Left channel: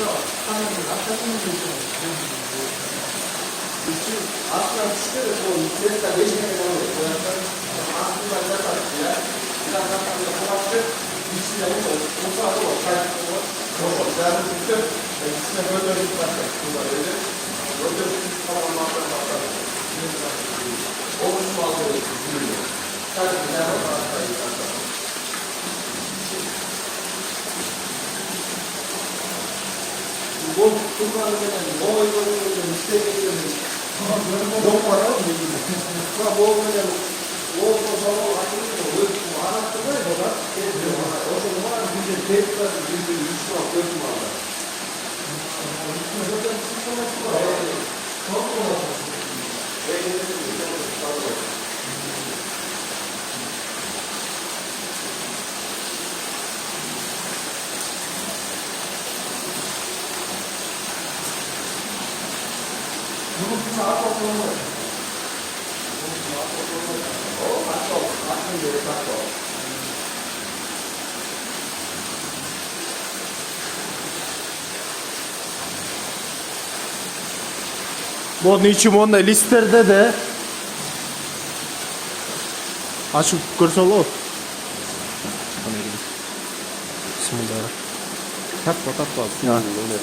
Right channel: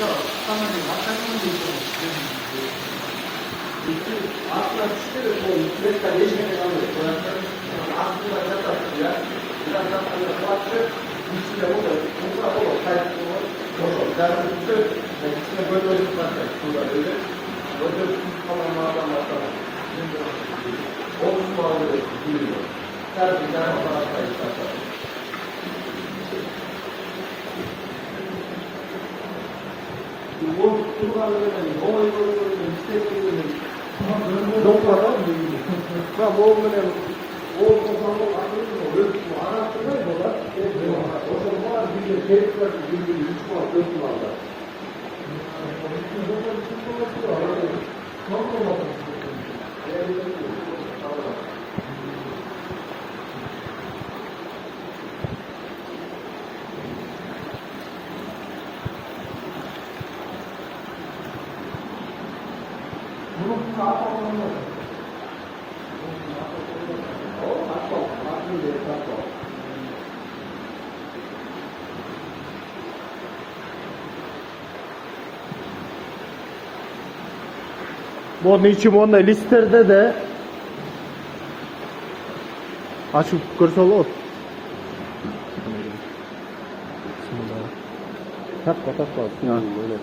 Yok, tamamen hakikaten de Aslında çıkıyor o sürekli geçmeye devam ediyor. Boyakların aslında ne taktı ya? Biraz daha boyaklı bir şey yapıyor. Musa o kayıtlı o. Yok, ben bütün ikisine böyle gitmezsek bunlar öyle. Böyle tamamlardan başlar. Onun bağlı büyüyor. Her bir tane olarak kayıtlar. Bu kurbanların boy isteklerinin yok para mı? Ha bu böyle o zaman akıllı mı? Bu araştırmayı da ediyor. O zaman bir de tekrar bir işe dökümanlar. Bunun saat okulu. O nasıl? Nasıl bir saat o? 뭐 niçin listede de açıp kırsolu. Bismillah. Tak tak tak. Öyle